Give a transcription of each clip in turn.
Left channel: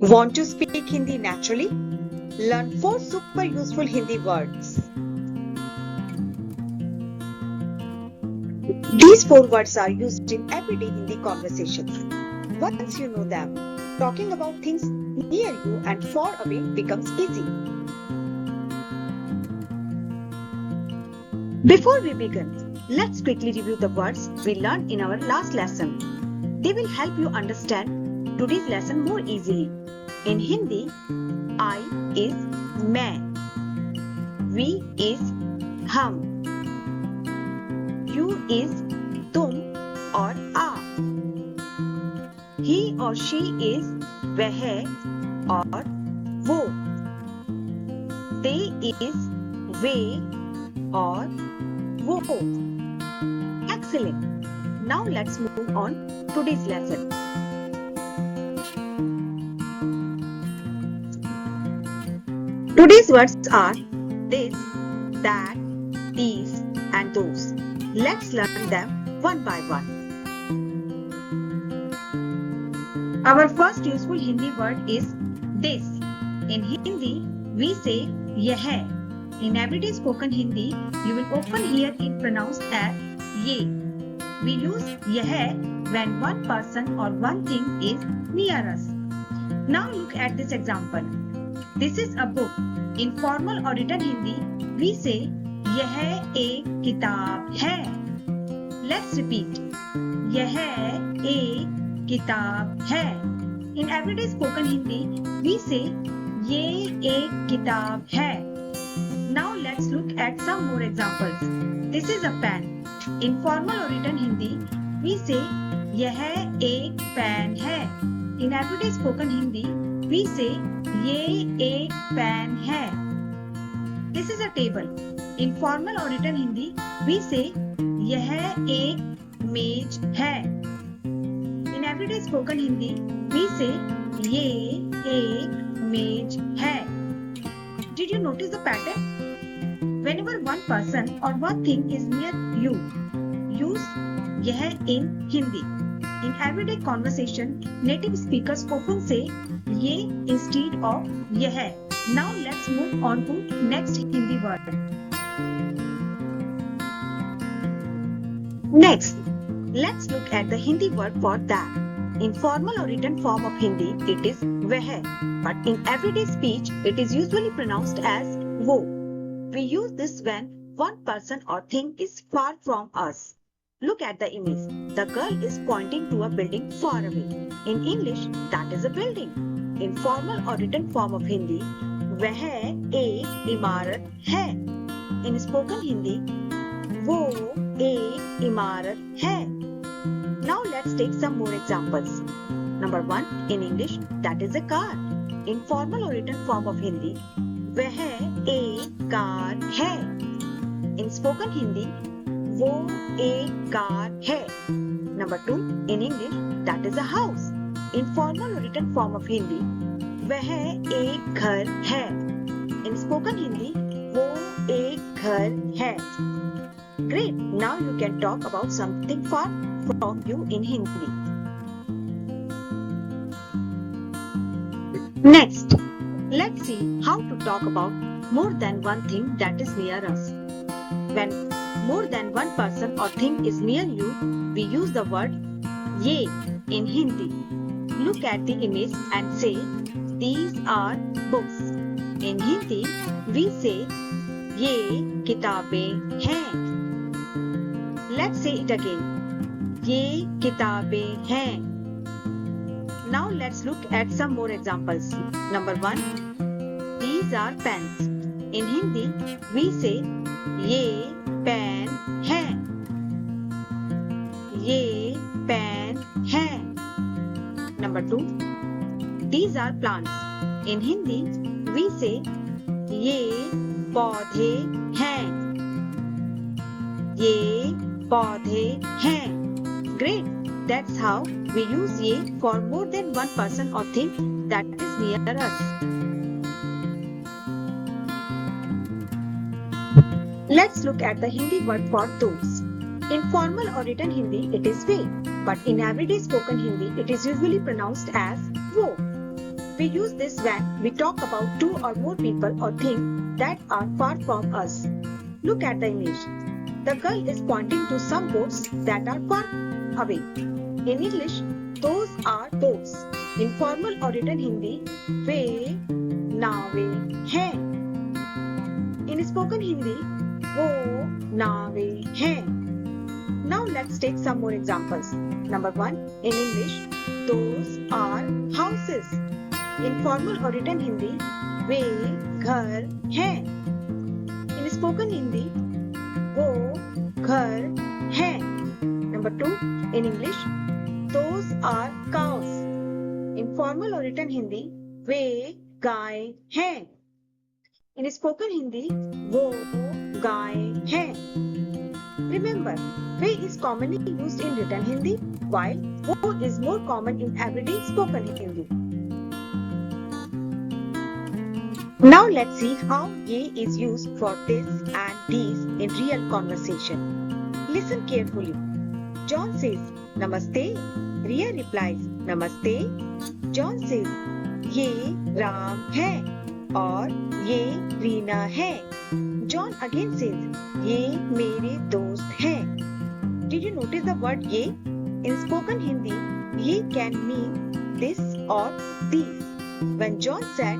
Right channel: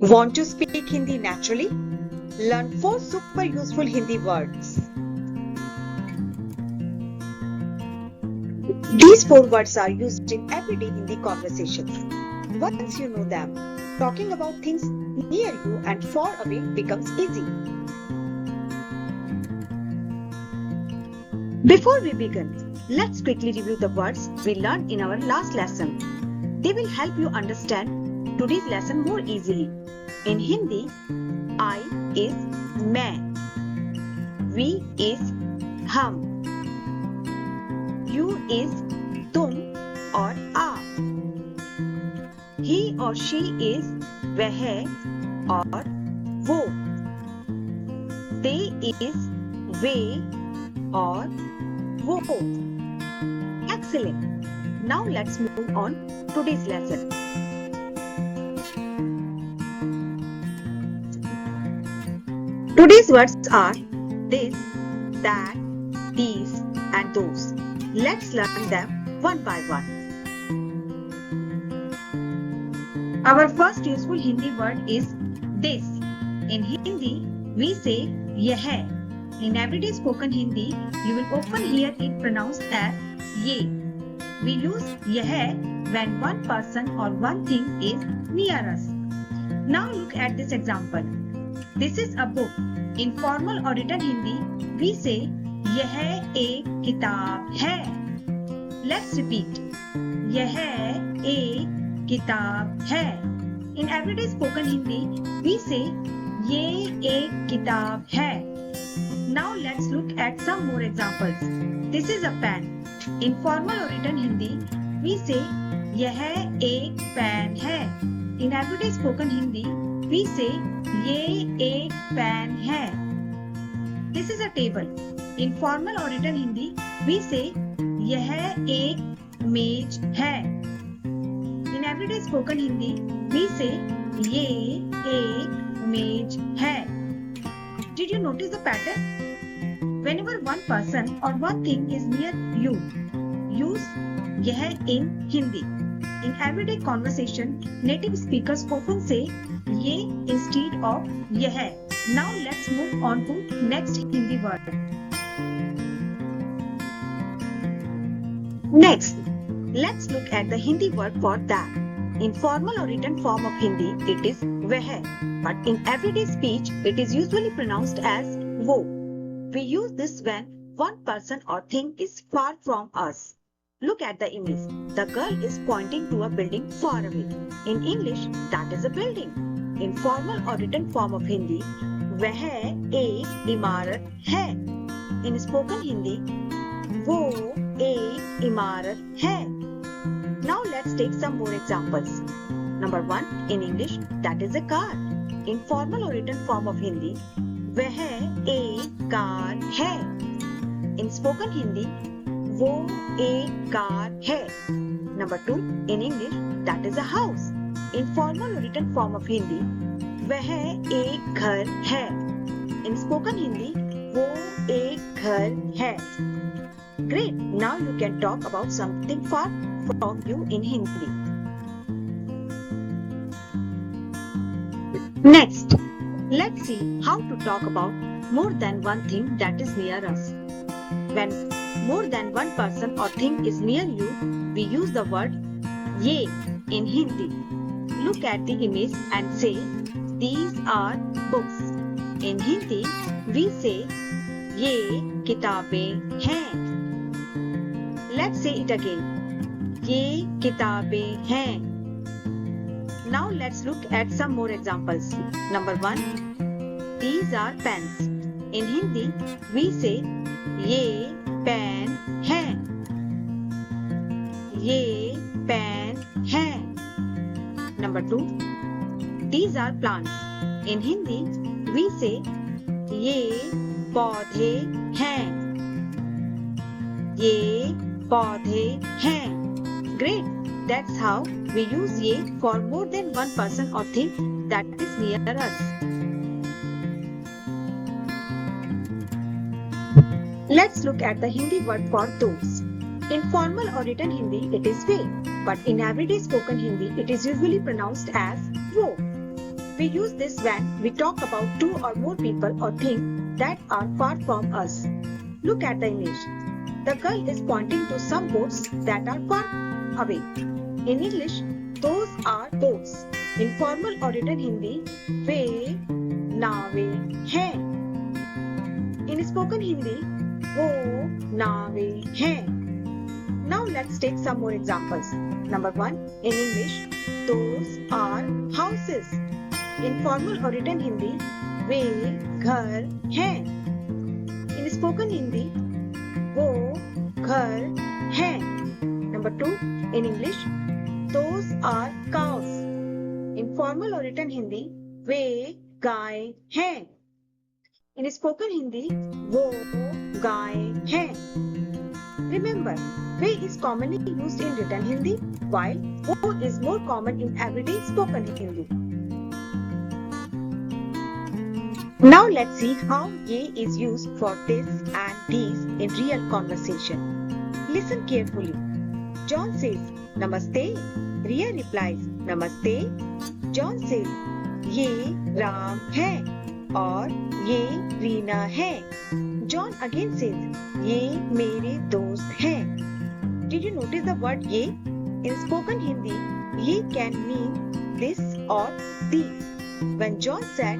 Want to speak Hindi naturally? Learn 4 super useful Hindi words. These 4 words are used in everyday Hindi conversations. Once you know them, talking about things near you and far away becomes easy. Before we begin, let's quickly review the words we learned in our last lesson. They will help you understand today's lesson more easily. In Hindi, I is मैं, we is हम, you is तुम और आप, he और she is वह और वो, they is वे और वो. Excellent. Now let's move on today's lesson. Today's words are this, that, these and those. Let's learn them one by one. Our first useful Hindi word is this. In Hindi, we say यह. In everyday spoken Hindi, you will often hear it pronounced as ये. We use यह when one person or one thing is near us. Now look at this example. This is a book. In formal or written Hindi, we say यह एक किताब है. Let's repeat. यह एक किताब है. In everyday spoken Hindi, we say ये एक किताब है. Now let's look at some more examples. This is a pen. In formal or written Hindi, we say यह एक पेन है. In everyday spoken Hindi, we say ये एक pen है. This is a table. In formal or written Hindi, we say यह एक मेज है. In everyday spoken Hindi, we say ये एक मेज है. Did you notice the pattern? Whenever one person or one thing is near you, use यह in Hindi. In everyday conversation, native speakers often say ये instead of यह. Now let's move on to next Hindi word. Next, let's look at the Hindi word for that. In formal or written form of Hindi, it is वह, but in everyday speech, it is usually pronounced as वो. We use this when one person or thing is far from us. Look at the image. The girl is pointing to a building far away. In English, that is a building. In formal or written form of Hindi, वह एक इमारत है. In spoken Hindi, वो एक इमारत है. Now let's take some more examples. Number 1, in English, that is a car. In formal or written form of Hindi, वह एक कार है. In spoken Hindi, वो एक कार है. Number 2, in English, that is a house. In formal or written form of Hindi, वह एक घर है. In spoken Hindi, वो एक घर है. Great! Now you can talk about something far from you in Hindi. Next, let's see how to talk about more than one thing that is near us. When more than one person or thing is near you, we use the word ये in Hindi. Look at the image and say, these are books. In Hindi, we say ये किताबें हैं. Let's say it again. ये किताबें हैं. Now let's look at some more examples. Number 1, these are pens. In Hindi, we say ये pen हैं. ये pen हैं. Number 2, these are plants. In Hindi, we say ये पौधे हैं. ये पौधे हैं. Great! That's how we use ये for more than one person or thing that is near us. Let's look at the Hindi word for those. In formal or written Hindi, it is way, but in everyday spoken Hindi, it is usually pronounced as वो. We use this when we talk about two or more people or things that are far from us. Look at the image. The girl is pointing to some boats that are far away. In English, those are boats. In formal or written Hindi, वे नावें हैं. In spoken Hindi, वो नावें हैं. Now let's take some more examples. Number 1. In English, those are houses. In formal or written Hindi, वे घर हैं. In spoken Hindi, वो घर हैं. Number 2. In English, those are cows. In formal or written Hindi, वे गाय हैं. In spoken Hindi, वो गाय हैं. Remember, way is commonly used in written Hindi, while वो is more common in everyday spoken Hindi. Now let's see how ye is used for this and these in real conversation. Listen carefully. John says, Namaste. Ria replies, Namaste. John says, ये राम है और ये रीना है. John again says, ये मेरे दोस्त हैं. Did you notice the word ye? In spoken Hindi, ye can mean this or these. When John said,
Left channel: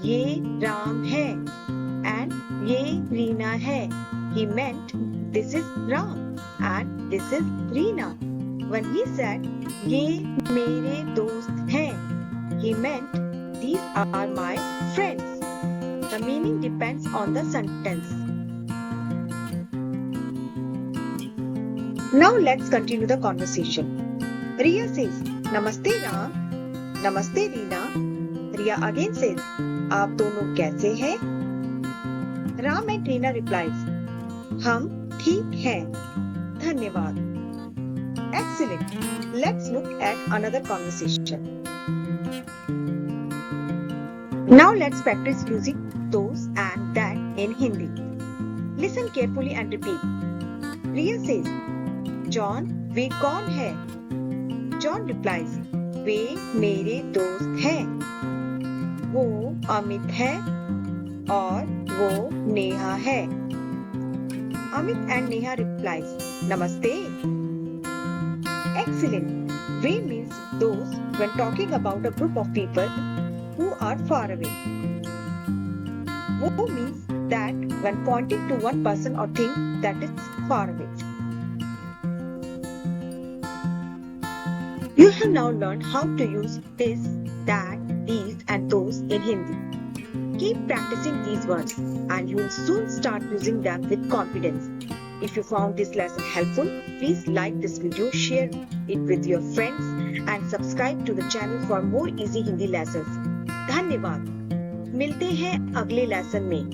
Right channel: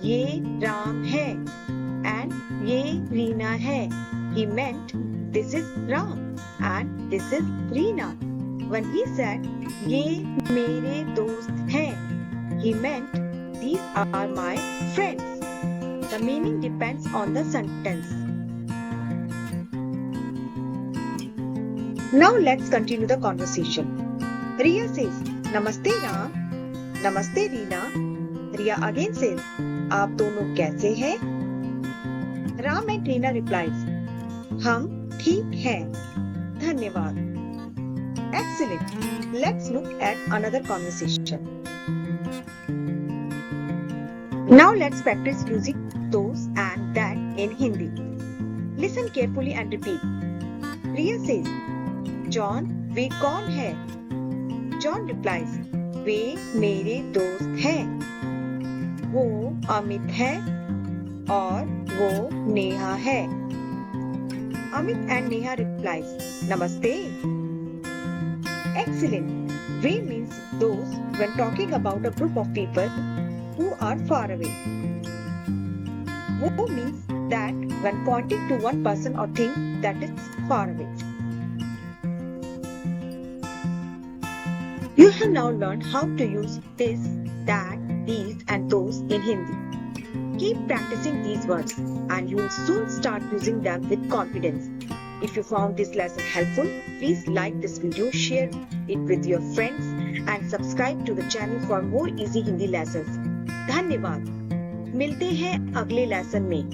ये राम है and ये रीना है, he meant this is Ram and this is Reena. When he said, ये मेरे दोस्त हैं, he meant these are my friends. The meaning depends on the sentence. Now let's continue the conversation. Riya says, Namaste Ram. Namaste Reena. Riya again says, आप दोनों कैसे हैं? Ram and Reena replies, हम ठीक हैं. धन्यवाद. Excellent. Let's look at another conversation. Now let's practice using those and that in Hindi. Listen carefully and repeat. Riya says, John, वे कौन है? John replies, वे मेरे दोस्त हैं. वो अमित है और वो नेहा है. Amit and Neha replies, Namaste. Excellent. We means those when talking about a group of people who are far away. Wo means that when pointing to one person or thing that is far away. You have now learned how to use this, that, these and those in Hindi. Keep practicing these words and you will soon start using them with confidence. If you found this lesson helpful, please like this video, share it with your friends and subscribe to the channel for more easy Hindi lessons. धन्यवाद. मिलते हैं अगले lesson में.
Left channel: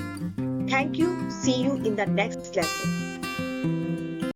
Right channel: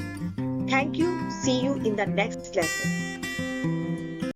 Thank you. See you in the next lesson.